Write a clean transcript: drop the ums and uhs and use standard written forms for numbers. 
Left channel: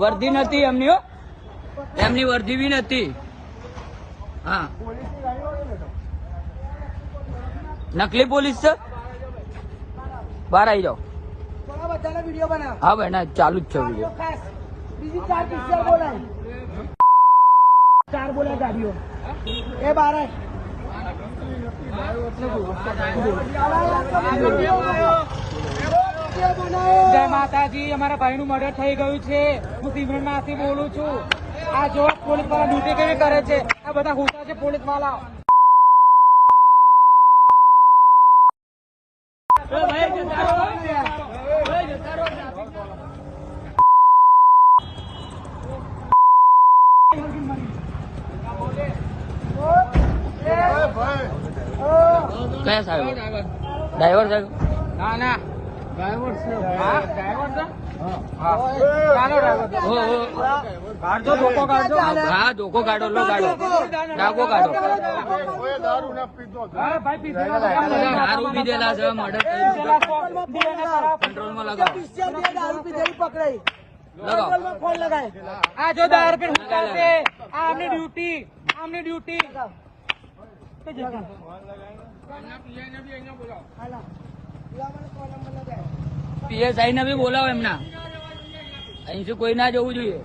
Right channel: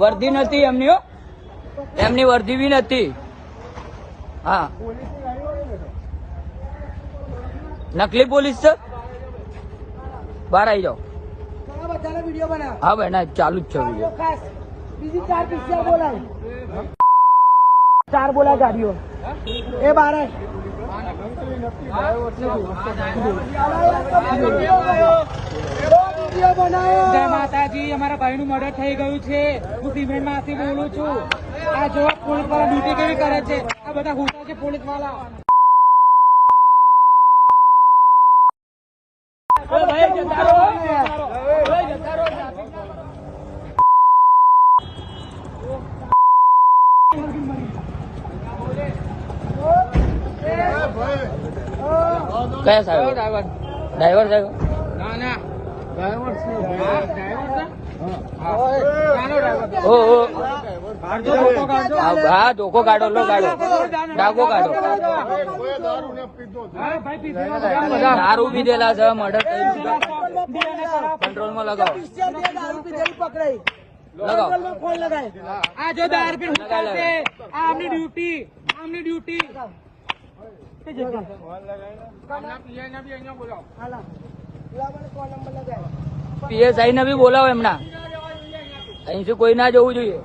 વર્દી નથી એમની, એમની વર્દી બી નથી. હા નકલી પોલીસ છે. બહાર આવી જાઓ. હા ભાઈ ના ચાલુ જ છે ચાર બોલા ગાડીઓ એ બાર જય માતાજી. અમારા ભાઈ નું મર્ડર થઈ ગયું છે. હું સિમેન્ટ માંથી બોલું છું. આ જો પોલીસ વાળા ડ્યુટી કેવી કરે છે. આ બધા હુસા છે પોલીસ વાળા. કયા સાહેબ? ડ્રાઈવર સાહેબ? ના ના ડ્રાઈવર છે. ડ્રાઈવર છે. હા ધોકો કાઢો, લો કાઢો, ડાકો કાઢો. દારૂ પીધેલા છે, મર્ડર કંટ્રોલમાં લગાવો, લગાવો. આ જો દારૂ પીને આ આમની ડ્યુટી, આમની ડ્યુટી. પીએસઆઈ ને બી બોલાવો એમના. અહીંથી કોઈ ના જવું જોઈએ.